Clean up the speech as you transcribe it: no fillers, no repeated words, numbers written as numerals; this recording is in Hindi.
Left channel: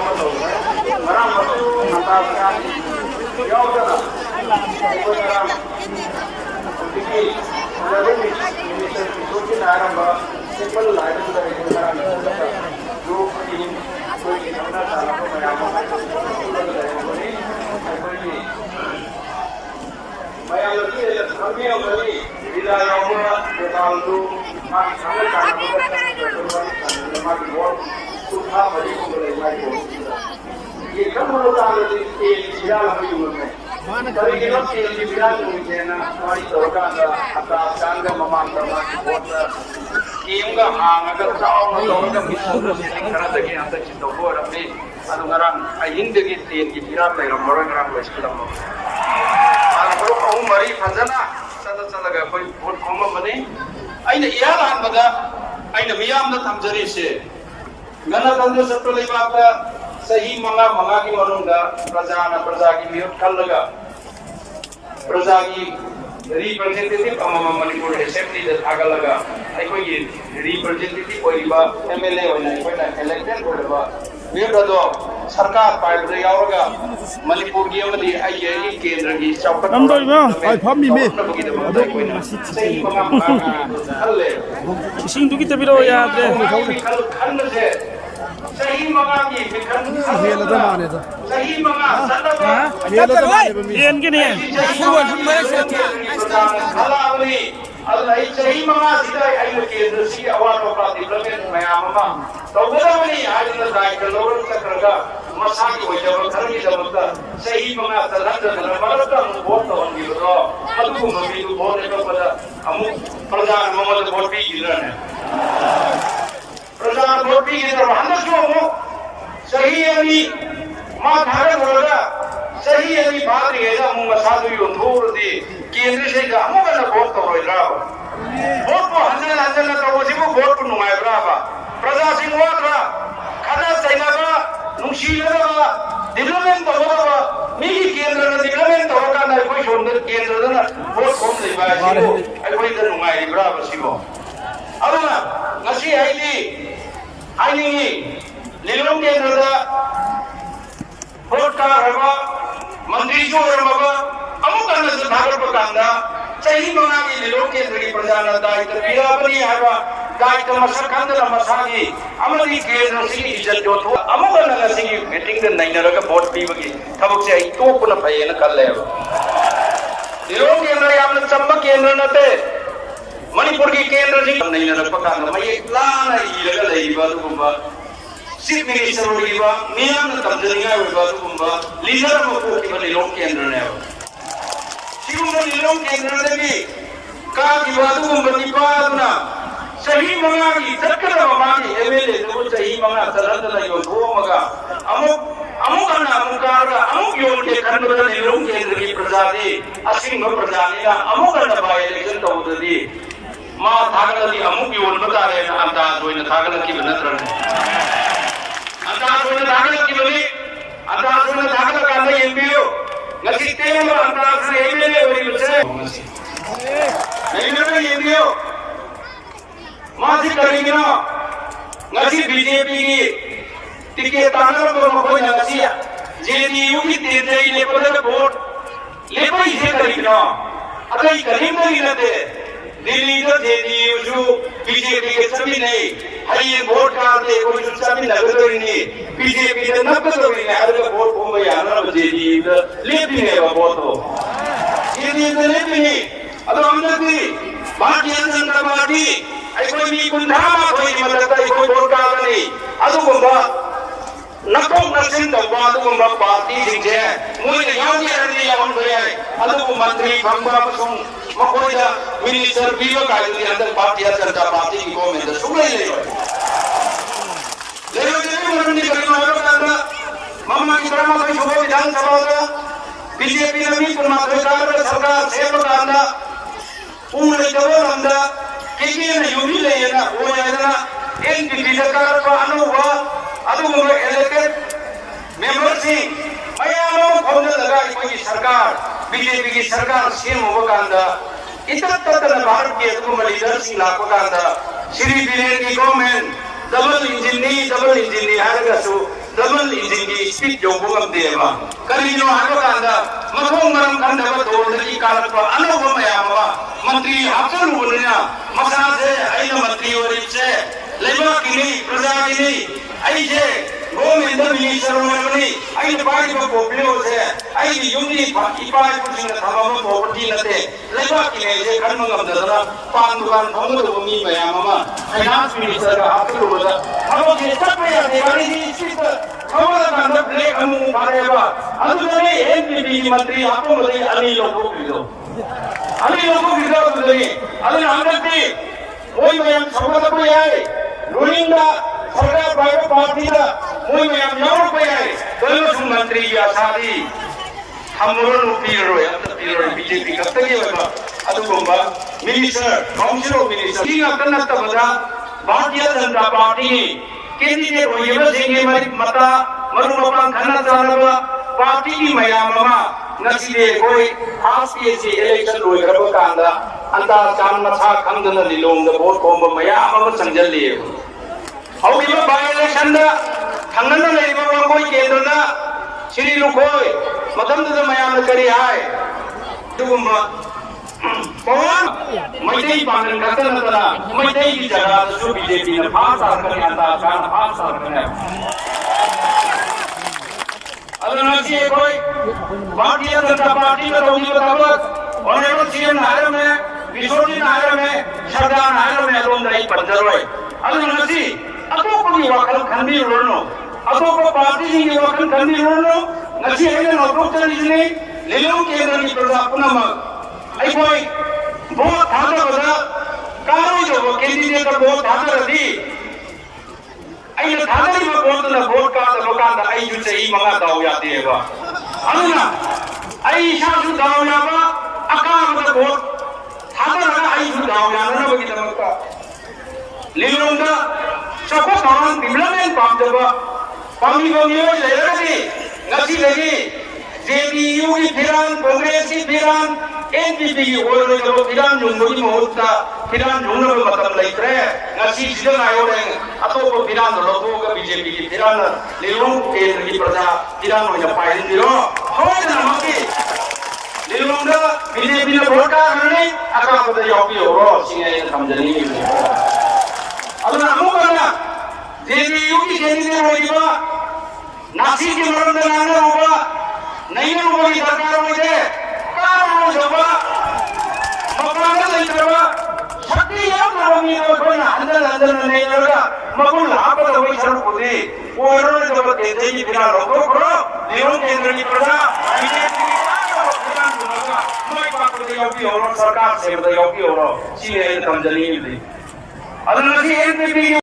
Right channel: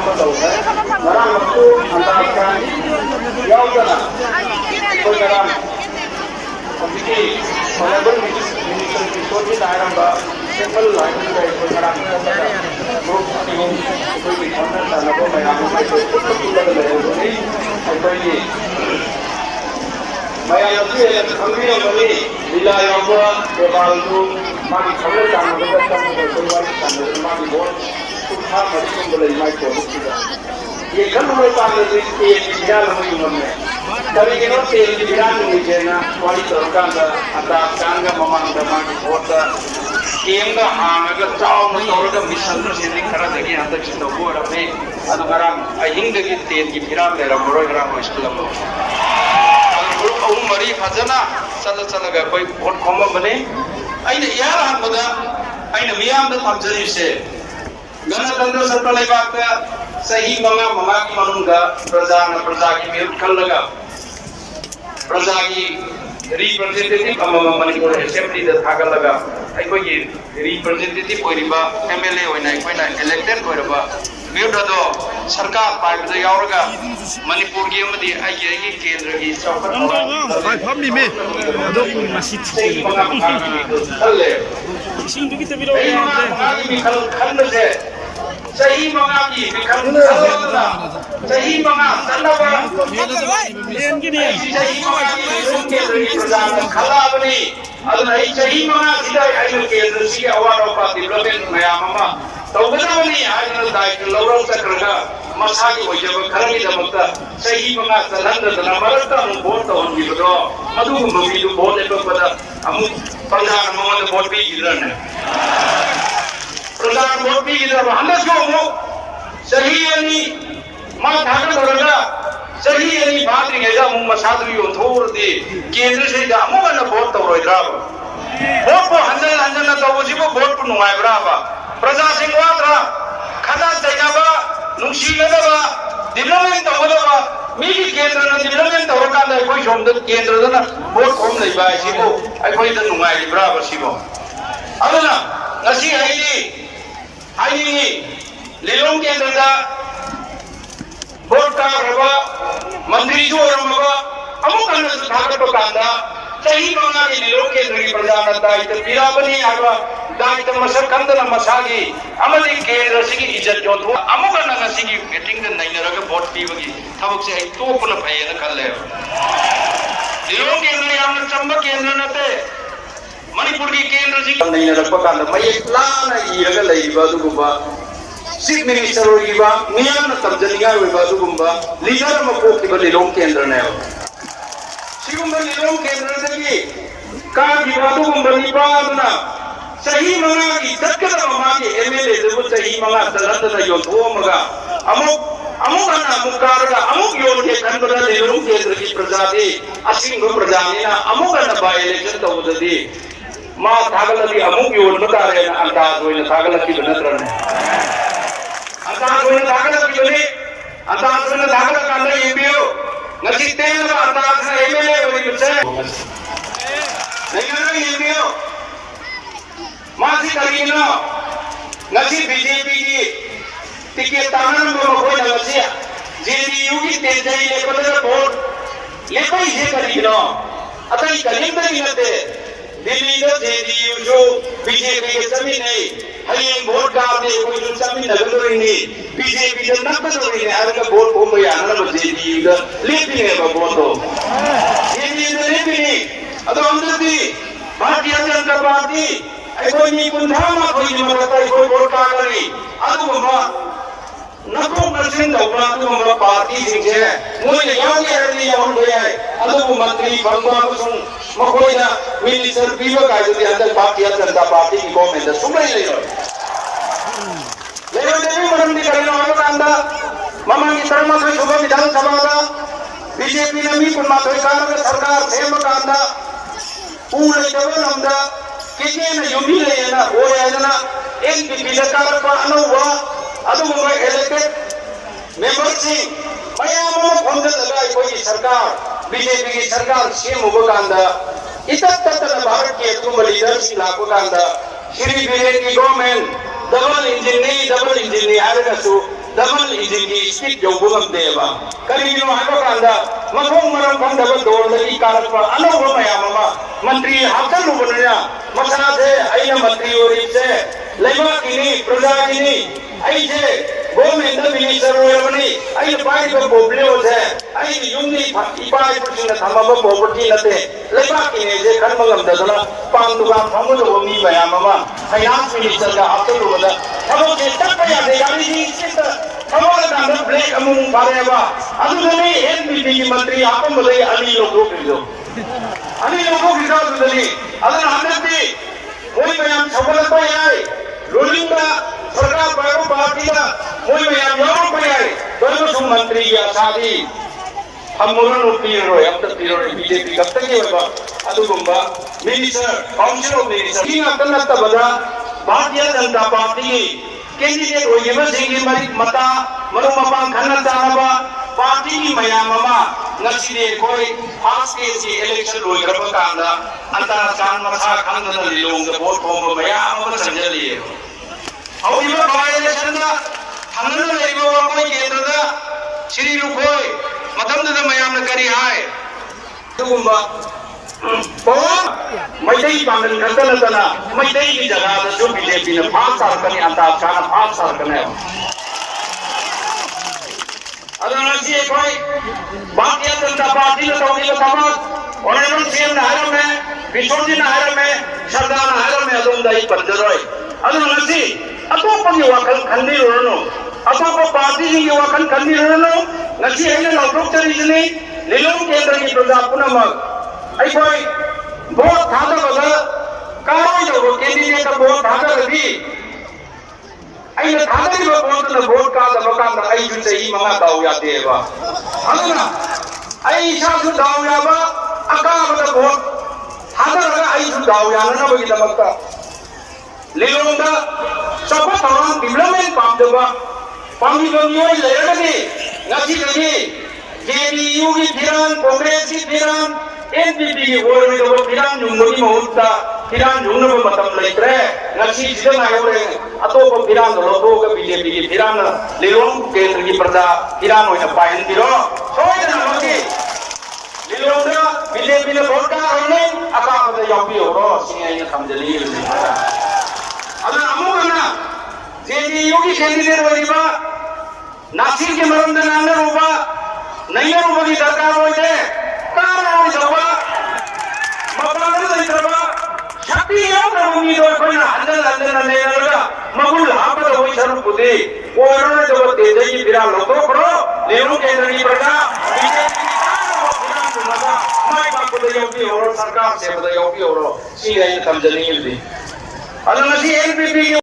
ꯑꯃ ꯇꯧꯔꯦ ꯉꯔꯥꯡꯁꯨ ꯍꯟꯗꯛ ꯌꯥꯎꯗꯅ ꯑꯩꯈꯣꯏ ꯉꯔꯥꯡ ꯍꯧꯖꯤꯛꯀꯤ ꯃꯅꯤꯄꯨꯔ ꯃꯤꯅꯤꯁꯇꯔ ꯀꯤꯁꯣꯔꯒꯤꯅ ꯍꯥꯏꯔꯝꯕ ꯇꯦꯝꯄꯜ ꯂꯥꯏꯟꯗꯨꯗ ꯑꯩꯈꯣꯏ ꯉꯔꯥꯡ ꯆꯠꯂꯒ ꯒ꯭ꯔꯨꯞ ꯑꯅꯤ ꯑꯍꯨꯝ ꯑꯩꯈꯣꯏꯒꯤ ꯈꯪꯅ ꯆꯥꯟꯅꯕ ꯃꯌꯥꯝ ꯑꯃ ꯑꯩꯈꯣꯏ ꯄꯨꯟꯅ ꯄꯨꯜꯂꯒ ꯂꯩꯔꯝꯒꯅꯤ ꯑꯩꯈꯣꯏꯒꯤ ꯃꯌꯥꯝꯁꯨ ꯍꯦꯟꯅ ꯈꯪꯕꯤꯔꯝꯒꯅꯤ ꯂꯤꯂꯥ ꯌꯥꯎꯕ ꯗꯦꯕꯥꯜꯗꯨ मागी खबर जाना बता चंद्र गोपाल चंद्र मागी बहुत कुछ मरी को बोले माई को ये कल हो तांगे तो ये विचार हम यूं में तभी ये लोग ये विचार मुझे ना वाली तरका का आता कांगा ममान दमागी बहुत केंगा आंगा चाव में तरका मिशन से दिखना लगे अंदर चिंता हुआ रहे अतो गरम अहिंग की तेल की फिरा तेरा मरो गरम हो स्कूल में और ओ मरी फजना चल चल गए कोई बहुत कम बने अने इहार हाबदा अने मियाम थमजरी से गणतंत्र सत्ता लेबाक सही मंगा मंगा की मनुंगा प्रजा की मिरत खलगा प्रजा की रिप्रेजेंटेटिव मणिपुर असेंबली दा थागलगा अखोई की रिप्रेजेंटेटिव ओइरिबा एमएलए ओइना अखोइना इलेक्टेड ओइरबा मिरदो सरकार पाइबदा यावरगा मणिपुर की अमदी आईए केंद्र की चौकट अंदोगा फाइ फामि मे अदो मासी इसिंग दुगी तबिरो यादे खंडसे सही मंगा की सही मंगा संदबा लेन के नहीं खलाबनी अदुनाई सही मंगा सिदा आइनो केंद्र सी अवारोपा डेवलपमेंट मयामा तौगदबनी आइनो दायित्व लौरौ चक्रगा मसागी होजब खरगी दमकता सही मंगा चलहंदना मरता वोट तौनबिरो अदुगु मुबिदु वोट लेबदा अमु प्रजा ममोद वोट बिगिरने प्रजा वोट बिगिरब हमसु अमु सही अनि मा थागदरगा सही अनि बाद्रिगेदा अमु मसादु योथोरदि केंद्र से अमुगन वोट तौरोइद्राब वोट को हंजन तौबसिबु वोट पु नुंगाइब्राबा प्रजा सिंगवाद्रा खदा चैनाबा नुंसीगदबा डेवलपमेंट तौगदबा मिगी केंद्र डेवलपमेंट तौरकांदा अखोई सोमद केंद्रदना वोट खोम लैबा सिबु अखोइदा नुंगाइब्राबा सिबु अदुना ngasi आइनी लिलों केंद्रदा वोट कारबा मंत्री जो रमबा अमुकन थागदबा कांदा सही मंगा की लिलों केंद्र की प्रजाना दायित्व पिराबनी हाबा दायित्व मसक कंदना मसागी अमदी केंद्र सिगी इज्जत जोथो अमुकन ngasi मीटिंग दे नैनरगा वोट पीबगी थबक से तोपुना फयेना कल्ले लिलों केंद्र यामन चंबा केंद्र नते मणिपुर की केंद्र सिंह नैनरगा कांदा मये प्लान इरगा लैबा दुबा चीफ मिनिस्टर ओइबा मियाम तमजलिया ओइबा दुबा लीडर मको की लिलों केंद्र ने सिगुंबा लिलों केंद्र देगी का की बादु बनिबादना सही मंगा की तत्कदा ममा की एमएलए देबु सही मंगा तलंदना योथोमगा अमुकना अमुकारगा अमुक योन के खंडना लिलों केंद्र की प्रजा दे असिंग प्रजानिना अमुकना बाय इलेक्शन तौददी मा थागलदी अमुक योन बतारे अंदाज होइना थागलकी नत्रने अंदाज होइना थागलकी बने अंदाज होइना थागल कांदे एमपीओ ngasi tenga अंदाज से एमएलए होइसे नहीं एमपीओ मासी करिना ngasi बीजेपी की टिके तानर को कोई ngasi जेडीयू की तेजे ले पदर वोट ले कोई से करिना अरे करीम नहीं लेते दिल्ली का जेडीयू जो बीजेपी के सभी नहीं हरी वोट का ले कोई सभी लगता नहीं बीजेपी ने नब्बे तो नहीं हर का वोट हो गया ना जेडीयू का ले भी नहीं वोट हो जेडीयू ने ले भी नहीं अतो हम लोग भी भारतीय जनता पार्टी कोई भी कुंठामा कोई नहीं मरता कोई वोट का नहीं अतो वो नक्को नरसिंह दौबा तो वो पार्टी दिखे मुझे यहाँ भी अरे यहाँ भैया है अतो वो मंत्री बंगा बसों मकोइदा मिनिस्टर पीवा का जो अंदर भारतीय जनता पार्टी की कौन है सुमरे ले मरने करने वालों का अंदर मामा की तरह में सुबह विधानसभा का बीजेपी ने भी पुन्हा सरकार सेवक का अंदर पूरे जवान अंदर किसी ने यूं ही ले ना वो यादना एक बिल्डर को अनुभव अदुगुम इलेक्टेड मेंबर सी मयानो फोन लगा कोई सरकार बीजेपी की सरकार सीएम हो कांदा इतना भारत के तुम लीडर सी लाको कांदा श्री बिरेन की गवर्नमेंट डबल इंजन नहीं हर कसु डबल इंजिन की स्पीड जो बुगम देवा कहीं जो आगे कांदा मथों मरम कांदा को दौड़ लगी कारक पर अनुभव में आवा मंत्री हासन बोलना मसाजे ऐन मंत्री और इसे लेबा की नहीं प्रजा की नहीं ऐसे गोविंद मिनिस्टर और नहीं ऐन पार्टी को बोले हो से ऐन यूनिट पार्टी कुछ न था वो प्रॉपर्टी न थे लेबा की नहीं जे कर्म गम दलना पान दुकान हम तो नहीं में आवा फाइनेंस मिनिस्टर का हासिल बोला अब ये तक या देवानी जी इस कमल कांदा ब्लैक अमूंग बारेगा अदुने एनपीटी की मंत्री आपको बोले अनी लोगों की ಅದನ್ನ ಆದತ್ತಿ ಮೂವಿ ಮಯಾಮ್ ಸಫಲ ಕೊಯಾಯಿ ರೂಲಿಂಗ್ सरकार बारो पार्टी दा मूवी मयाम याव कोयाई दोनों सु मंत्री या शादी हमरो पीरो या पीरो बीजेपी कत्तगे होगा अदुगुंबा मिनिस्टर काउंसिल ऑफ मिनिस्टर की नक्कनत्त बदा भारतीय जनता पार्टी कैंडिडेट होइबो सिंगी मता मरु मपां खन्ना चानबा पार्टी की मयाममा नसीबे कोई खास के सी इलेक्शन लोई करब कांदा अंता चान मथा खंदन लिलोंग वोट कोम मयाममा संजलिए औरिबा बाय इलेक्शन दा खंदन लेको कोई केंद्र श्री लुकोय मतम द मयाम करी हाय दुगुंबा कौन मैदै पांगन कतलतना मैदै की जगह जो बीजेपी ने पांच साल करने अंता चान 5 साल करने अदनसी कोई भारतीय जनता पार्टी ने रोगी बतावत और सीएम नायर में विशोजी नायर में शब्दा नायर में दोन दाई पंजरोय अदनसी अतो पगी वाकल खंडी रोनो अतो को पार्टी जी वाकल खंडी रोनो नसी है ना डॉक्टर इजने लिलों केंद्र की प्रजा पुनः आई कोई बहुत थादा बदा कारो जो कैंडिडेट बहुत थादा रही आई न थादा की वोट का लोकां दा आई जुसे ई मगा दाव या देवा अदुना आई शासु दाव ना बा अका मत वोट थादा लगा आई जु दाव या न बगी दमका लिलोंगा सब तरन डिवेलपमेंट पाम देबा पामी बमियो लेरगी नसी लगी जेडीयू की फिरान कांग्रेस की फिरान एनपीपी की ओर जो फिरान जुंगोनी मुहूर्ता फिरान जुंगो मतम लेत्रे नसी जिदन आयोरें अतो को फिरान रोतो का बीजेपी की फिरान लिलों केंद्र की प्रजा फिरान होने पाइन दिलो होय नमके लिलों का बीजेपी ने वोट का करने अका मत योपी होरो सिंगे समझनी अदन अमुकना जेडीयू की कैंडिडेट होइबा नासी के मरंद नाने होबा नैयर होगी सरकार होइदे कारण हो जबा मपलंगर इतरबा शक्ति याव नवमी दो कोई अंदर अंदर नैयरगा मगुल हापद होई सर कुदी ओरने जब तेजे की फिरा लोगो करो लेनो केंद्र की प्रजा बीजेपी फिरा दुमगा मैं बात दे योगी और सरकार से बता योगी और सीए कंजनी दी अदनसी एनपीपी की